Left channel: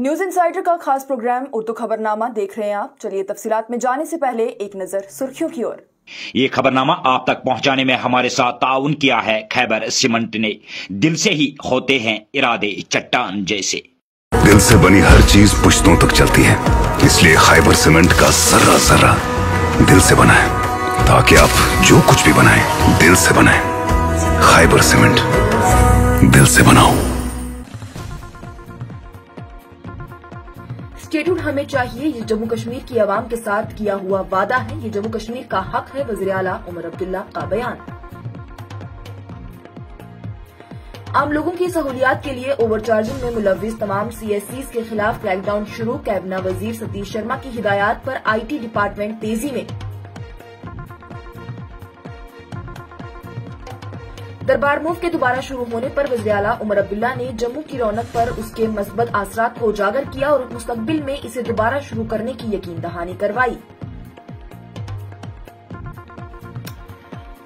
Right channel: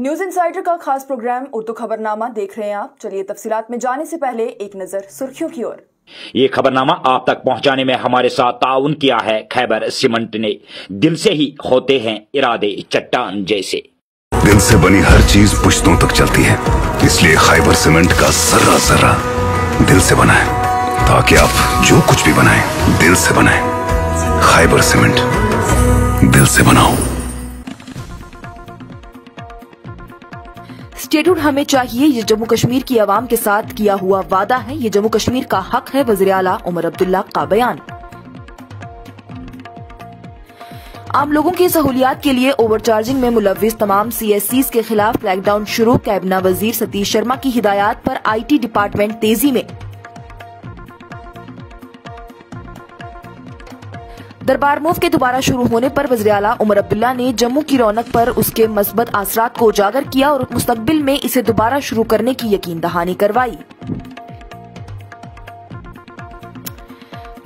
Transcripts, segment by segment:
News insider का खास programme Urdu खबरनामा देख रहे हैं आप। चलिए तफसीलात में जाने से पहले एक नजर सुर्खियों की ओर। ये खबरनामा आप तक पहुंचाने में हमारे साथ ताउन किया है खैबर सीमेंट ने। दिल से ही होते हैं इरादे चट्टान जैसे। दिल से बनी हर चीज पुश्तों तक चलती है, इसलिए खैबर सीमेंट का जर्रा जर्रा दिल से बना है, ताकि आप जो कुछ भी बनाएं दिल से बनाएं। खैबर सीमेंट, दिल से बनाओ। स्टेटहुड हमें चाहिए, ये जम्मू कश्मीर की आवाम के साथ किया हुआ वादा है, ये जम्मू कश्मीर का हक है। वज़ीर आला उमर अब्दुल्ला का बयान। आम लोगों की सहूलियात के लिए ओवरचार्जिंग में मुलव्विस तमाम CSCs के खिलाफ क्रैकडाउन शुरू। कैबिना वजीर सतीश शर्मा की हिदायत पर IT डिपार्टमेंट तेजी में। दरबार मूव के दोबारा शुरू होने पर वज़ीर आला उमर अब्दुल्ला ने जम्मू की रौनक पर उसके मस्बत असरात को उजागर किया और मुस्तकबिल में इसे दोबारा शुरू करने की यकीन दहानी करवाई।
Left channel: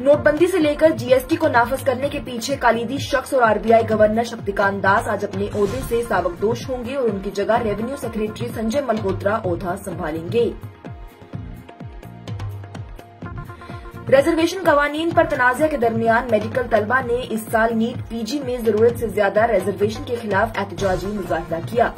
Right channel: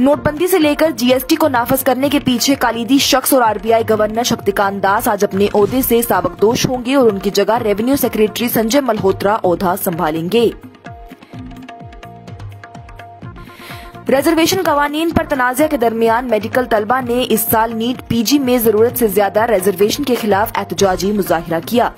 नोटबंदी से लेकर GST को नाफज करने के पीछे कालीदी शख्स और RBI गवर्नर शक्तिकांत दास आज अपने ओहदे से साबकदोश होंगे और उनकी जगह रेवेन्यू सेक्रेटरी संजय मल्होत्रा ओहदा संभालेंगे। रिजर्वेशन कवानीन पर तनाज़ा के दरमियान मेडिकल तलबा ने इस साल नीट PG में जरूरत से ज्यादा रिजर्वेशन के खिलाफ एहतजाजी मुजाहिरा किया।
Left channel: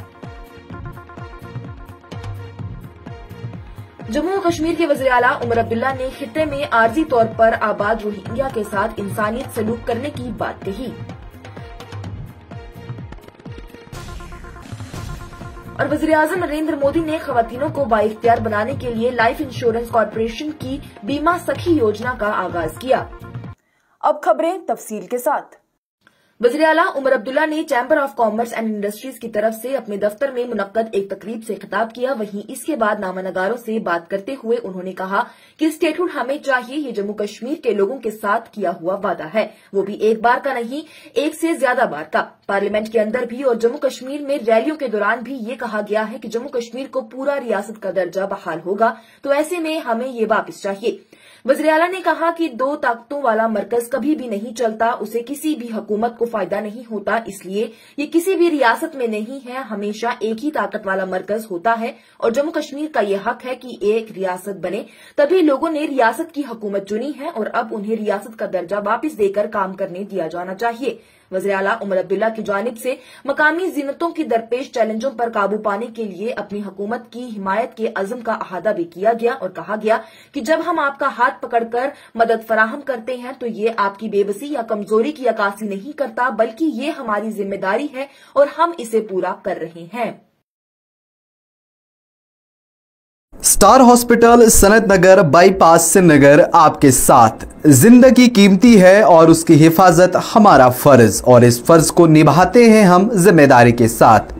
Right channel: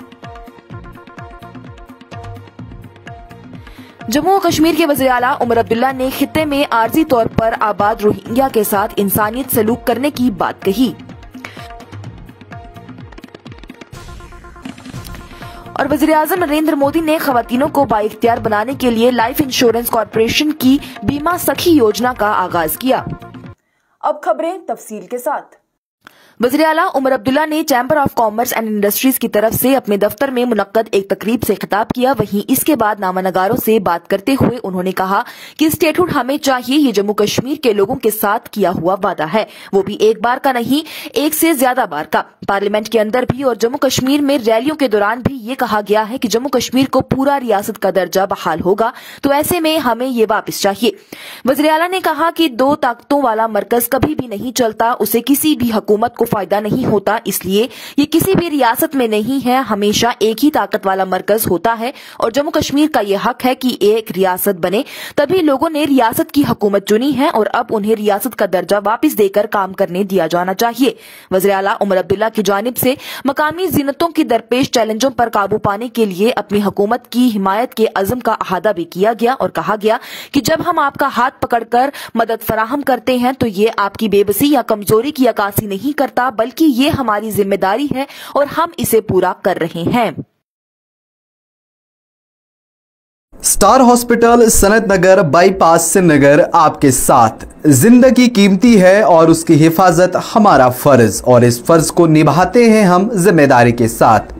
जम्मू और कश्मीर के वज़ीर आला उमर अब्दुल्ला ने खित्ते में आर्जी तौर पर आबाद रोहिंग्या के साथ इंसानियत सलूक करने की बात कही और वज़ीर-ए-आज़म नरेंद्र मोदी ने खवातीनों को बाइख्तियार बनाने के लिए लाइफ इंश्योरेंस कॉर्पोरेशन की बीमा सखी योजना का आगाज किया। अब खबरें तफसील के साथ। वज़ीर आला उमर अब्दुल्ला ने chamber of commerce and industries की तरफ से अपने दफ्तर में मुनक्कद एक तकरीब से खिताब किया। वहीं इसके बाद नामानगारों से बात करते हुए उन्होंने कहा कि स्टेटहुड हमें चाहिए, ये जम्मू कश्मीर के लोगों के साथ किया हुआ वादा है, वो भी एक बार का नहीं, एक से ज्यादा बार का। पार्लियामेंट के अंदर भी और जम्मू कश्मीर में रैलियों के दौरान भी ये कहा गया है कि जम्मू कश्मीर को पूरा रियासत का दर्जा बहाल होगा, तो ऐसे में हमें ये वापस चाहिए। वज़ीर आला ने कहा कि दो ताकतों वाला मरकज कभी भी नहीं चलता, उसे किसी भी हुकूमत को फायदा नहीं होता, इसलिए ये किसी भी रियासत में नहीं है, हमेशा एक ही ताकत वाला मरकज होता है और जम्मू कश्मीर का ये हक है कि एक रियासत बने। तभी लोगों ने रियासत की हुकूमत चुनी है और अब उन्हें रियासत का दर्जा वापस देकर काम करने दिया जाना चाहिए। वज़ीर आला उमर अब्दुल्ला की जानिब से मकामी ज़िन्नतों की दरपेश चैलेंजों पर काबू पाने के लिए अपनी हुकूमत की हिमायत के अज़म का अहादा भी किया गया और कहा गया कि जब हम आपका हाथ पकड़कर मदद फराहम करते हैं तो ये आपकी बेबसी या कमजोरी की अक्कासी नहीं करता, बल्कि ये हमारी जिम्मेदारी है और हम इसे पूरा कर रहे हैं। स्टार हॉस्पिटल सनत नगर बाईपास श्रीनगर आपके साथ। जिंदगी कीमती है और उसकी हिफाजत हमारा फर्ज, और इस फर्ज को निभाते हैं हम जिम्मेदारी के साथ।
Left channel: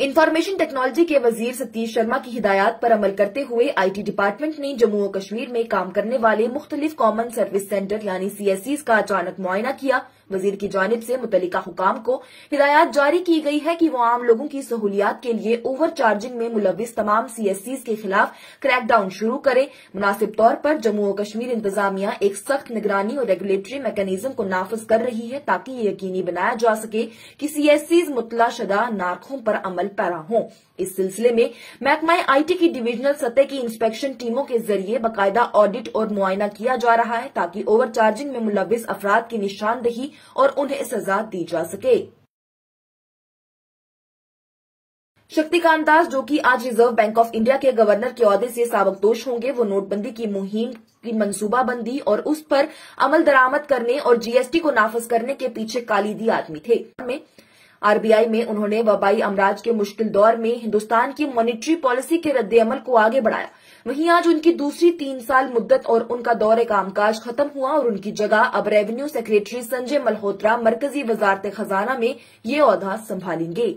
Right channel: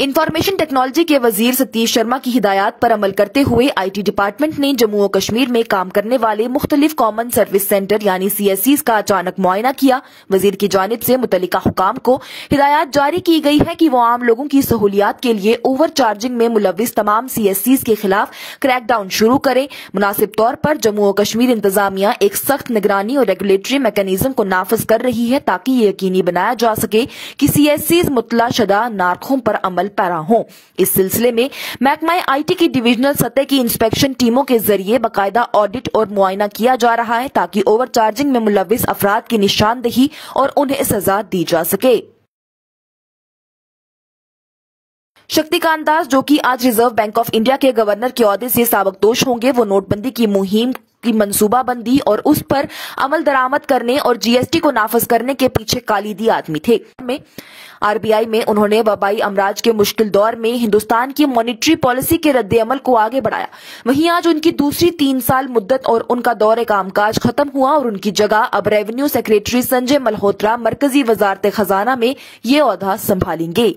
इंफॉर्मेशन टेक्नोलॉजी के वजीर सतीश शर्मा की हिदायत पर अमल करते हुए IT डिपार्टमेंट ने जम्मू और कश्मीर में काम करने वाले मुख्तलिफ कॉमन सर्विस सेंटर यानी CSCs का अचानक मुआयना किया। वजीर की जानिब से मुतल्लिका हुकाम को हिदायत जारी की गई है कि वो आम लोगों की सहूलियात के लिए ओवर चार्जिंग में मुलव्विस तमाम CSCs के खिलाफ क्रैकडाउन शुरू करे। मुनासिब तौर पर जम्मू और कश्मीर इंतजामिया एक सख्त निगरानी और रेगुलेटरी मैकेनिज्म को नाफज कर रही है, ताकि ये यकीनी बनाया जा सके कि CSCs मुतला शुदा नारखों पर अमल पैरा हों। इस सिलसिले में महकमा IT की डिविजनल सतह की इंस्पेक्शन टीमों के जरिए बाकायदा ऑडिट और मुआयना किया जा रहा है, ताकि ओवर चार्जिंग में मुलव्विस अफराद की निशानदही और उन्हें सजा दी जा सके। शक्तिकांत दास, जो कि आज रिजर्व बैंक ऑफ इंडिया के गवर्नर के ओहदे से साबकदोश होंगे, वो नोटबंदी की मुहिम की मंसूबाबंदी और उस पर अमल दरामद करने और GST को नाफज करने के पीछे कालीदी आदमी थे। RBI में उन्होंने वबाई अमराज के मुश्किल दौर में हिंदुस्तान की मॉनिटरी पॉलिसी के रद्द अमल को आगे बढ़ाया। वहीं आज उनकी दूसरी 3 साल मुद्दत और उनका दौरे कामकाज खत्म हुआ और उनकी जगह अब रेवेन्यू सेक्रेटरी संजय मल्होत्रा मरकजी वजारत खजाना में ये ओहदा संभालेंगे।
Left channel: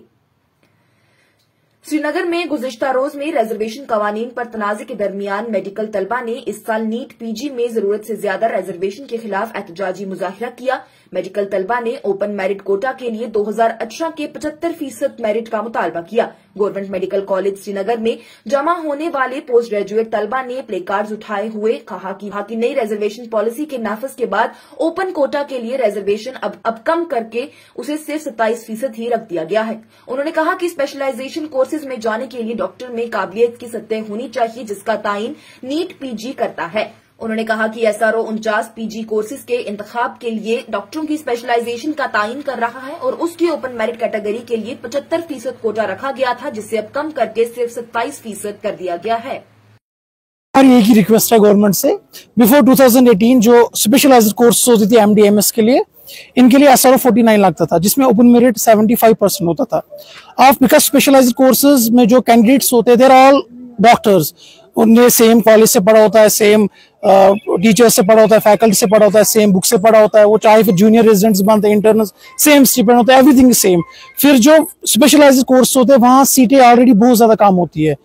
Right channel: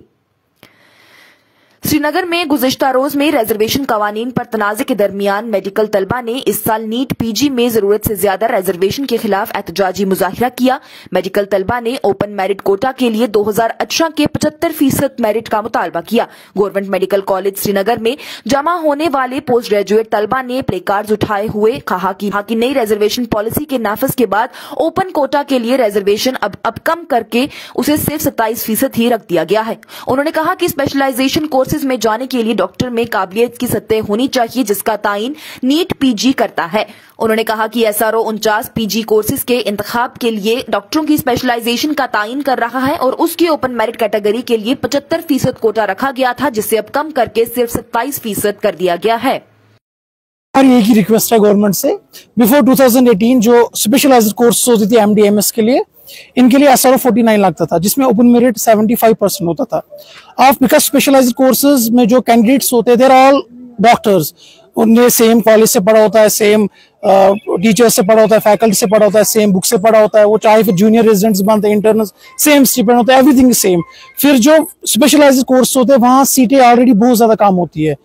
श्रीनगर में गुज़िश्ता रोज में रिजर्वेशन कवानीन पर तनाज़े के दरमियान मेडिकल तलबा ने इस साल नीट PG में जरूरत से ज्यादा रिजर्वेशन के खिलाफ एहतजाजी मुजाहिरा किया। मेडिकल तलबा ने ओपन मेरिट कोटा के लिए 2018 के 75% मेरिट का मुतालबा किया। गवर्नमेंट मेडिकल कॉलेज श्रीनगर में जमा होने वाले पोस्ट ग्रेजुएट तलबा ने प्ले कार्ड उठाए हुए कहा कि नई रिजर्वेशन पॉलिसी के नाफज के बाद ओपन कोटा के लिए रिजर्वेशन अब कम करके उसे सिर्फ 27% ही रख दिया गया है। उन्होंने कहा कि स्पेशलाइजेशन कोर्सेज कोर्सेज में जाने के लिए डॉक्टर में काबिलियत की सतह होनी चाहिए, जिसका तायीन नीट पीजी करता है। उन्होंने कहा कि एसआरओ 49 पीजी कोर्सेज के इंतखाब के लिए डॉक्टरों की स्पेशलाइजेशन का तायीन कर रहा है और उसकी ओपन मेरिट कैटेगरी के लिए 75% कोटा रखा गया था, जिसे अब कम करके सिर्फ 27% कर दिया गया है। हमारी एक ही रिक्वेस्ट है गवर्नमेंट से, बिफोर 2018 जो स्पेशलाइज्ड कोर्स होती थी एमडीएमएस के लिए, इनके लिए एसआरओ 49 लगता था, जिसमें ओपन मेरिट 75% होता था। अब बिकॉज स्पेशलाइज्ड कोर्सेज में जो कैंडिडेट्स होते हैं, देर ऑल डॉक्टर्स, उनने सेम कॉलेज से पढ़ा होता है, सेम टीचर से पढ़ा होता है, फैकल्टी से पढ़ा होता है, सेम बुक से पढ़ा होता है, वो चाहे फिर जूनियर रेजिडेंट्स बनते हैं, इंटर्नल, सेम स्टिपेंड होता है, एवरीथिंग सेम। फिर जो स्पेशलाइज्ड कोर्स होते हैं वहां सीटें ऑलरेडी बहुत ज्यादा कम होती है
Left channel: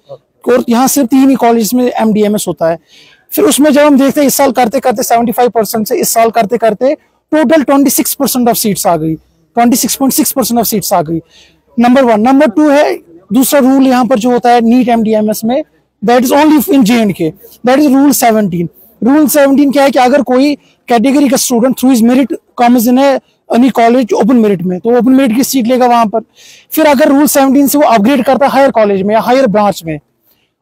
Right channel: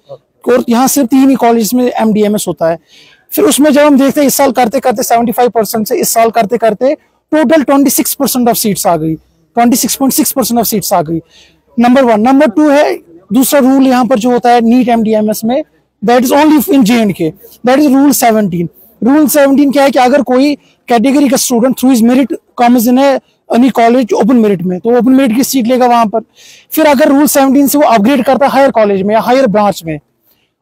और यहाँ सिर्फ 3 ही कॉलेज में एमडीएमएस होता है। फिर उसमें जब हम देखते हैं इस साल करते करते 75% से इस साल करते करते टोटल 26% ऑफ सीट्स आ गई, 26.6% ऑफ सीट्स आ गई। नंबर 1। नंबर 2 है दूसरा रूल यहाँ पर जो होता है नीट एमडीएमएस में, that is only in JNK, that is rule 17। Rule 17 क्या है कि अगर कोई कैटेगरी का student through is merit comes in any college open merit में, तो ओपन मेरिट की सीट लेगा वहां पर। फिर अगर रूल 17 से वो अपग्रेड करता है हायर कॉलेज में या हायर ब्रांच में,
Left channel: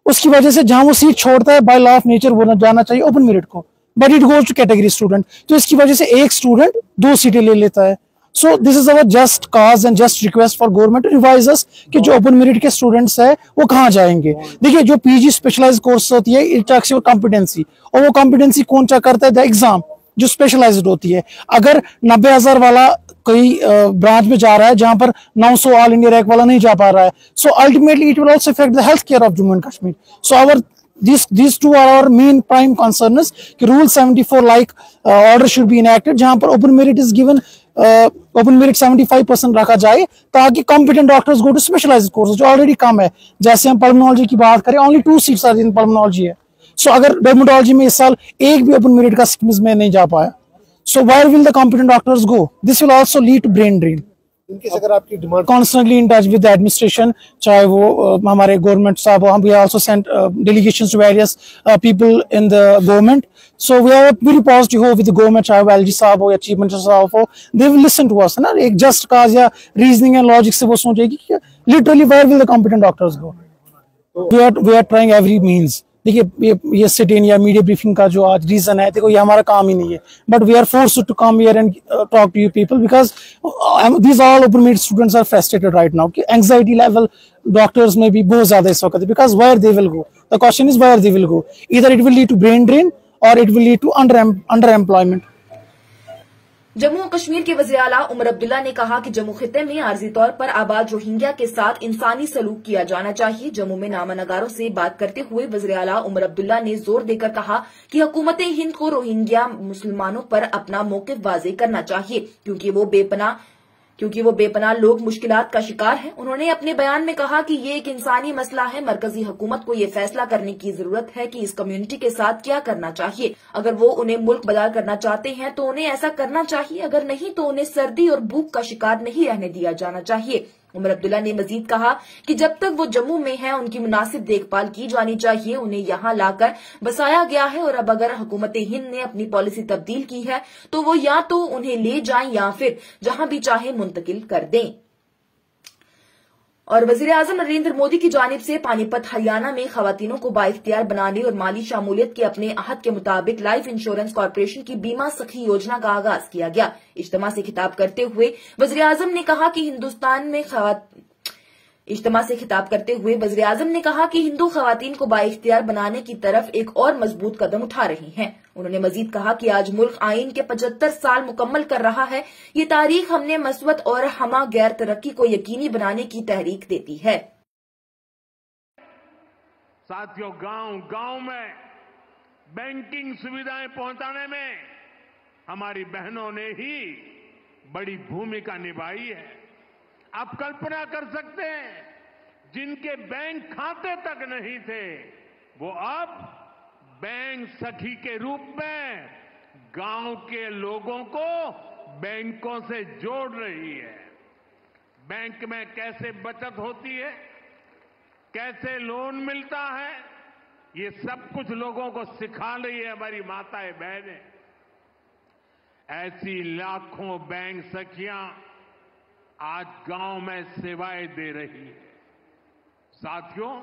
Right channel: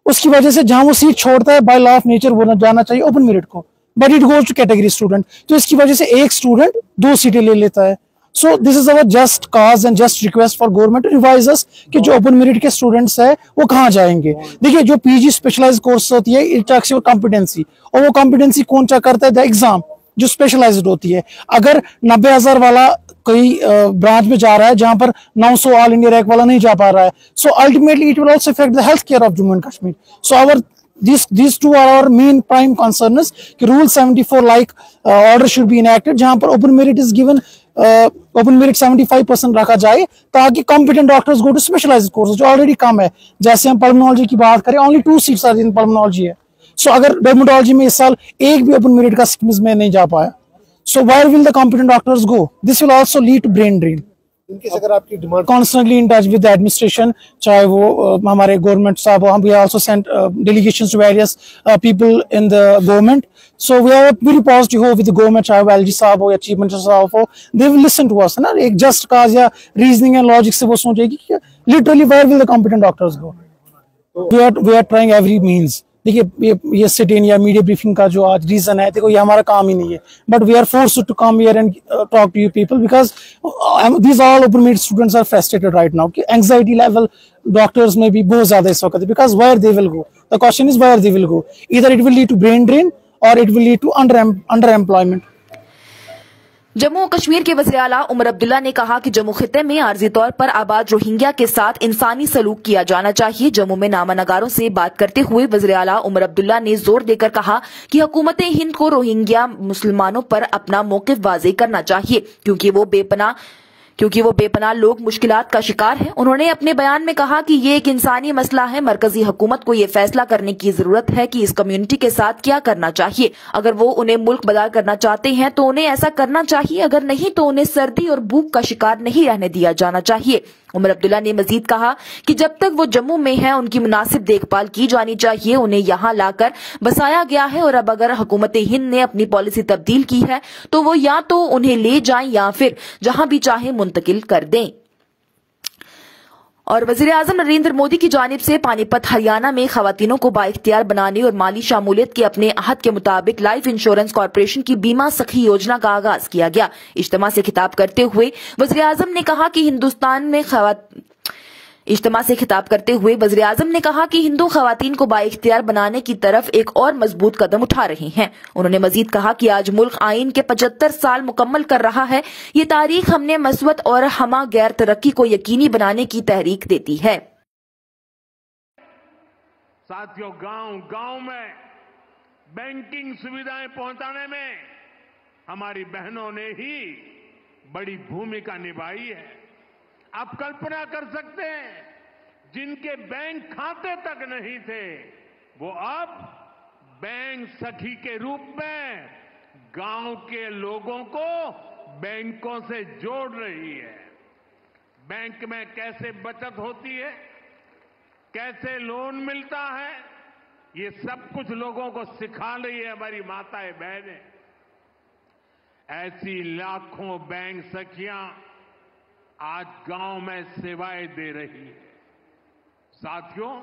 उसकी वजह से जहां वो सीट छोड़ता है बाय लॉ ऑफ नेचर वो जाना चाहिए ओपन मेरिट को, but it goes to category student. तो इसकी वजह से एक स्टूडेंट 2 सीटें ले लेता है। So this is our just cause and just request for government to revise us कि जो ओपन मेरिट के स्टूडेंट्स है वो कहाँ जाएंगे। देखिए जो पीजी स्पेशलाइज्ड कोर्स होती है, इट चेक्स योर कॉम्पिटेंसी, और वो कॉम्पिटेंसी कौन चेक करता है? द एग्जाम जो स्पेशलाइज्ड होती है। अगर 90,000 वाला कोई ब्रांच में जा रहा है जहां पर 900 ऑल इंडिया रैंक वाला नहीं जा पा रहा है, so ultimately it will also affect the health care of Jammu and Kashmir. So our these two are our main prime concerns कि rule 74 like order should be enacted, जहां पर open merit is given, open merit 75% रखा जाए ताकि competent doctors go to specialized courses जो already कम है। जैसे हम pulmonology की बात करें, only 2 seats are in pulmonology है। so अगर dermatology में इस साल एक भी open merit का schemes में नहीं जा पाया, so where will the competent doctors go? This will also lead to brain drain। अगर आपकी demand constantly in touch with the administration, चाहे वो हमारे गवर्नमेंट साहब हो, we also sent delegations to various people in the government, so we are very positive हो with the government, चाहे वो LG साहब हो या चीफ मिनिस्टर साहब हो, they will listen to us, है ना। एक just cause या reasoning and logic से वो सोचेगी कि literally where will the competent doctors go? we are trying every means। देखिए ये सिट इन या मीडिया ब्रीफिंग का जो आज रीजन है, देखो ये हमारा काम ही नहीं है, but we are forced to come here and talk to you people because these all open merit students are frustrated right now कि एंजाइटी लेवल डॉक्टर्स में भी बहुत ज्यादा इस वक्त, because where they will go, the question is where they will go, either it will lead to brain drain और it will lead to underemployment. Jammu और कश्मीर के वज़ीर आला उमर अब्दुल्ला ने कहा कि जम्मू खिते में आर्जी तौर पर आबाद रोहिंग्या के साथ इंसानी सलूक किया जाना चाहिए। जम्मू में नामानगारों से बात करते हुए वज़ीर आला उमर अब्दुल्ला ने जोर देकर कहा कि हुकूमत हिंद को रोहिंग्या मुसलमानों पर अपना मौक़िफ़ वाज़ेह करना चाहिए क्योंकि वो बेपनाह लोग मुश्किलात का शिकार हैं। उन्होंने अपने बयान में कहा कि ये एक इंसानी मसला है, मरकजी हुकूमत को ये फैसला करने की जरूरत है कि इस कम्युनिटी के साथ क्या करना चाहिए। अगर वो उन्हें मुल्क बदल करना चाहते हैं तो उन्हें ऐसा करना चाहिए, अगर नहीं तो उन्हें सर्दी और भूख का शिकार नहीं रहने दिया जाना चाहिए। उमर अब्दुल्ला ने मजीद कहा कि जब तक वो जम्मू में हैं उनकी मुनासिब देखभाल की जानी चाहिए, उन्हें यहाँ लाकर बसाया गया है और अब अगर हुकूमत हिंद ने अपनी पॉलिसी तब्दील की है तो वो या तो उन्हें ले जाएं या फिर जहां भी चाहे मुंतकिल कर दें। और वज़ीर आज़म नरेंद्र मोदी की जानिब से पानीपत हरियाणा में खवातीनों को बाइख्तियार बनाने और माली शामूलियत के अपने अहद के मुताबिक लाइफ इंश्योरेंस कॉर्पोरेशन की बीमा सखी योजना का आगाज किया गया। इज्तिमा से खिताब करते हुए वज़ीर आज़म ने कहा कि हिंदू खवातीन को बाइख्तियार बनाने की तरफ एक और मजबूत कदम उठा रहे हैं। उन्होंने मजीद कहा कि आज मुल्क आइन के 75 साल मुकम्मल कर रहा है। ये तारीख हमने मसवत और हमा गैर तरक्की को यकीनी बनाने की तहरीक देती है। साथियों, गांव में बैंकिंग सुविधाएं पहुंचाने में हमारी बहनों ने ही बड़ी भूमिका निभाई है। आप कल्पना कर सकते हैं, जिनके बैंक खाते तक नहीं थे वो अब बैंक सखी के रूप में गांव के लोगों को बैंकों से जोड़ रही है। बैंक में कैसे बचत होती है, कैसे लोन मिलता है, ये सब कुछ लोगों को सिखा रही है हमारी माताएं बहनें। ऐसी लाखों बैंक सखियां आज गांव में सेवाएं दे रही है। साथियों,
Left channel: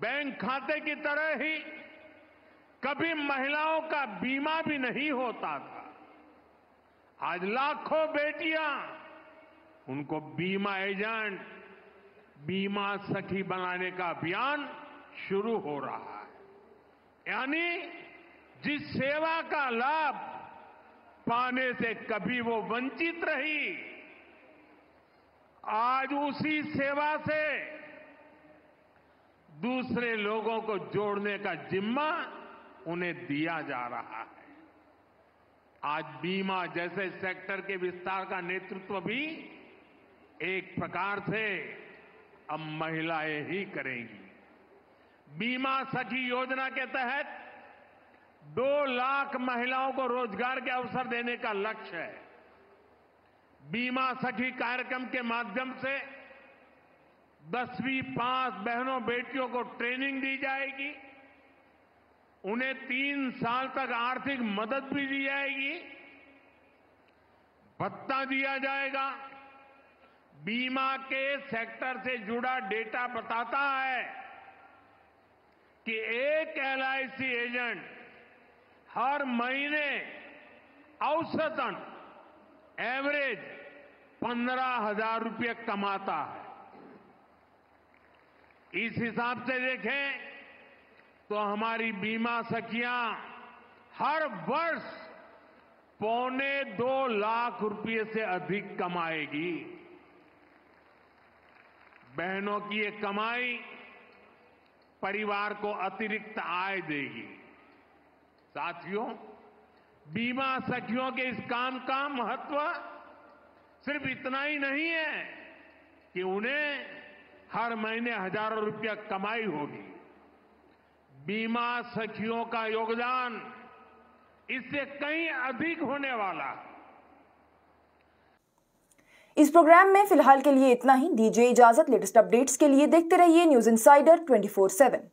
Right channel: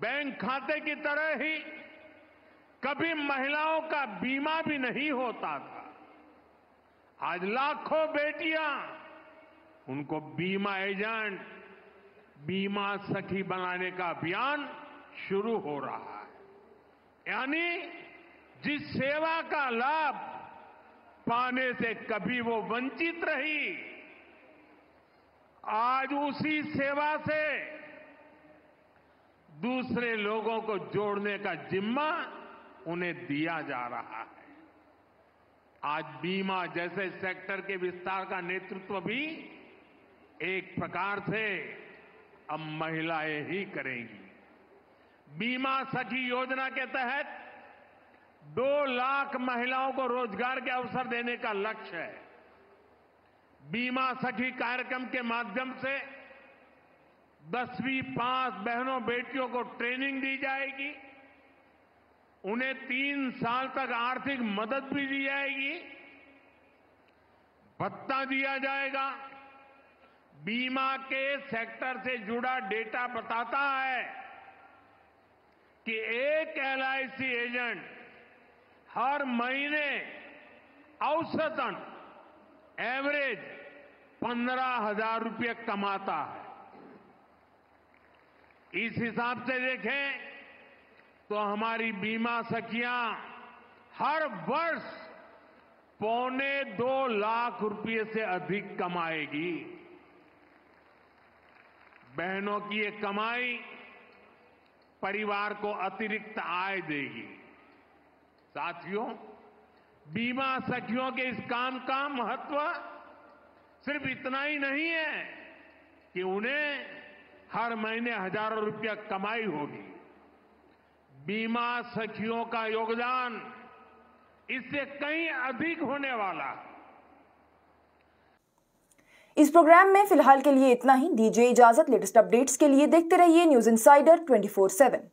बैंक खाते की तरह ही कभी महिलाओं का बीमा भी नहीं होता था। आज लाखों बेटियां, उनको बीमा एजेंट, बीमा सखी बनाने का अभियान शुरू हो रहा है। यानी जिस सेवा का लाभ पाने से कभी वो वंचित रही, आज उसी सेवा से दूसरे लोगों को जोड़ने का जिम्मा उन्हें दिया जा रहा है। आज बीमा जैसे सेक्टर के विस्तार का नेतृत्व भी एक प्रकार से अब महिलाएं ही करेंगी। बीमा सखी योजना के तहत 2 लाख महिलाओं को रोजगार के अवसर देने का लक्ष्य है। बीमा सखी कार्यक्रम के माध्यम से 10वीं पास बहनों बेटियों को ट्रेनिंग दी जाएगी, उन्हें 3 साल तक आर्थिक मदद भी दी जाएगी, भत्ता दिया जाएगा। बीमा के सेक्टर से जुड़ा डेटा बताता है कि एक एलआईसी एजेंट हर महीने औसतन एवरेज 15,000 रुपये कमाता है। इस हिसाब से देखें तो हमारी बीमा सखियां हर वर्ष 2.25 लाख रुपये से अधिक कमाएगी। बहनों की ये कमाई परिवार को अतिरिक्त आय देगी। साथियों, बीमा सखियों के इस काम का महत्व सिर्फ इतना ही नहीं है कि उन्हें हर महीने हजारों रुपया कमाई होगी। बीमा सखियों का योगदान इससे कहीं अधिक होने वाला है। इस प्रोग्राम में फिलहाल के लिए इतना ही। दीजिए इजाजत। लेटेस्ट अपडेट्स के लिए देखते रहिए न्यूज़ इनसाइडर 24/7।